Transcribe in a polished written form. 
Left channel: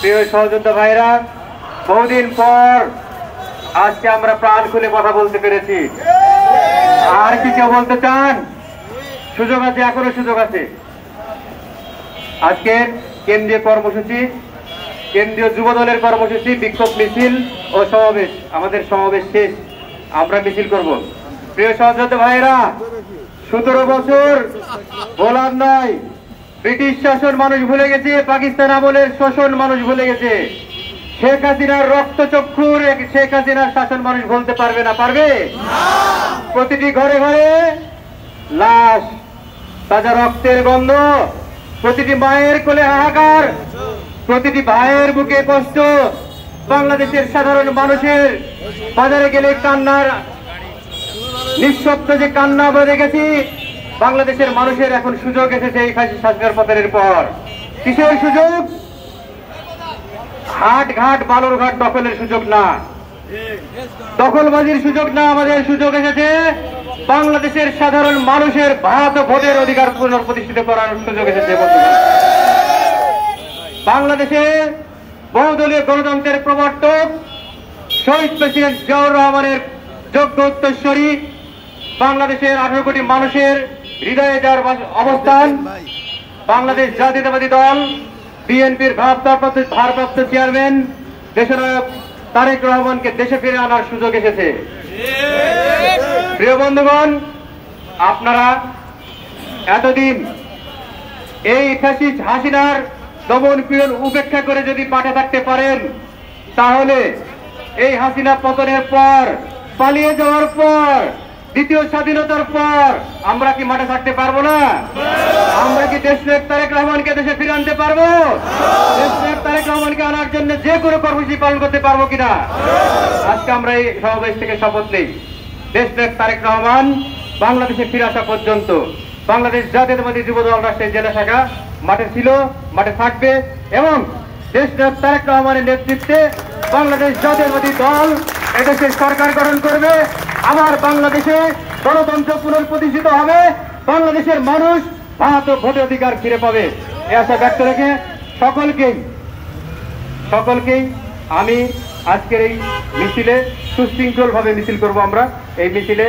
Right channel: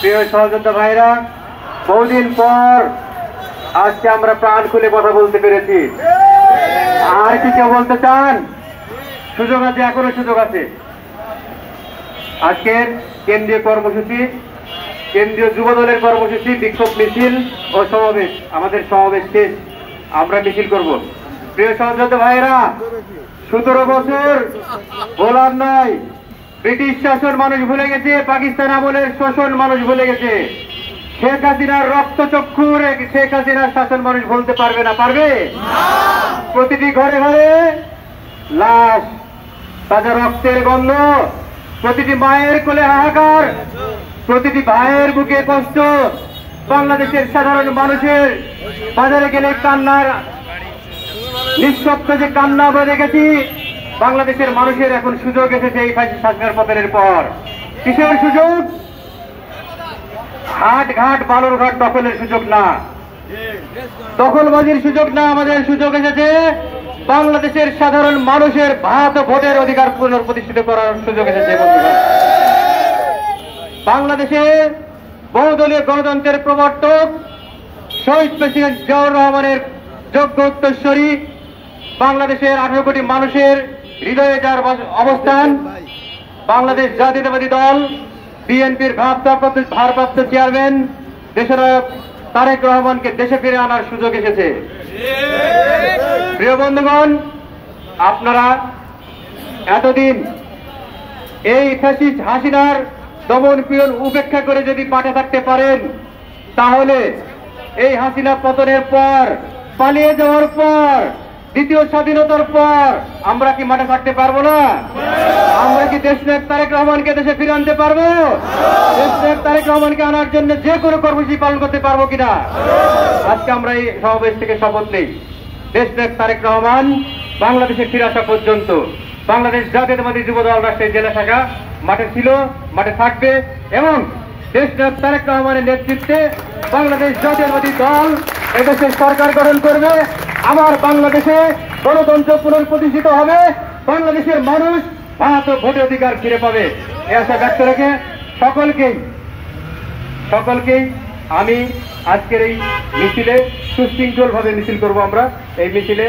প্রিয় সহযোদ্ধা ভাইরা, বহুদিন পর আজকে আমরা প্রাণ খুলে কথা বলতে পেরেছি। আর কি কেউ বলতে চান? সুযোগ আছে, এখনো সুযোগ আছে। আজকের কেন্দ্রীয় কর্মসূচি, কেন্দ্রীয় যুব দলের কর্মসূচি, বিক্ষোভ মিছিল ও সমাবেশ। আমাদের সমাবেশ শেষ, আমরা মিছিল করব। প্রিয় সহযোদ্ধা ভাইরা, 17 বছর গোলাম নয়, ব্রিটিশ শাসন মানুষ ভুলে গেছে, পাকিস্তান আমলের শোষণ মানুষ ভুলে গেছে। শেখ হাসিনার রক্তচক্ষুর শেখ হাসিনার শাসন মানুষ বলতে পারবে না, পারবে? প্রতিটি ঘরে ঘরে লাশ, তাজা রক্তের গন্ধ, প্রতিটি মায়ের কোলে হাহাকার, প্রতিটি ভাইয়ের বুকে কষ্ট। বাংলাদেশের সাধারণ মানুষের বাজারে গেলে কান্নার নিঃশব্দ যে কান্না বেড়ে গেছি। বাংলাদেশের মানুষের এখন সুযোগ এসেছে এই শাসনের পতনের পর। কিসের সুযোগ? হাট ঘাট বালুরঘাট দখলের সুযোগ না, দখলবাজির সুযোগ না। আমাদের সুযোগ এসেছে বাংলাদেশের সাধারণ মানুষের ভাত ও ভোটের অধিকার পুনঃপ্রতিষ্ঠিত করার সুযোগ এসেছে। বাংলাদেশে বহুদলীয় গণতন্ত্রের প্রবর্তক শহীদ প্রেসিডেন্ট জিয়াউর রহমানের যোগ্য উত্তরসূরি, বাংলাদেশের 18 কোটি মানুষের হৃদয়ে যার অবস্থান, বাংলাদেশ জাতীয়তাবাদী দল বিএনপির ভারপ্রাপ্ত চেয়ারম্যান দেশনায়ক তারেক রহমানকে দেশে ফিরে আনার সুযোগ এসেছে। প্রিয় বন্ধুগণ, আপনারা এতদিন এই ফ্যাসিস্ট হাসিনার দমন পীড়ন উপেক্ষা করে যদি মাঠে থাকতে পারেন, তাহলে এই হাসিনা পতনের পর, পালিয়ে যাওয়ার পর, দ্বিতীয় স্বাধীনতার পর আমরা কি মাঠে থাকতে পারবো না? আমরা কি দেশনায়ক তারেক রহমানকে দেশে ফিরে আনতে পারবো? দেশনায়ক তারেক রহমানকে আনার জন্য যে কোনো কর্মসূচি পালন করতে পারবো কিনা? আজকে আমরা এই সমাবেশ থেকে শপথ নেই, দেশনায়ক তারেক রহমান বাংলাদেশে ফিরে আসা পর্যন্ত বাংলাদেশ জাতীয়তাবাদী যুব দল রাজশাহী জেলা শাখা মাঠে ছিল, মাঠে থাকবে এবং দেশনায়ক তারেক রহমানের নেতৃত্বে বাংলাদেশ জাতীয়তাবাদী দল এদেশের সরকার গঠন করবে। আমার বাংলাদেশে গণতন্ত্র পুনঃপ্রতিষ্ঠিত হবে, বাংলাদেশের মানুষ ভাত ও ভোটের অধিকার ফিরে পাবে। এই আশা ব্যক্ত রেখে সকলকেই আমি আজকের এই মিছিলে সুশৃঙ্খল ভাবে মিছিল করব। আমরা এই মিছিলে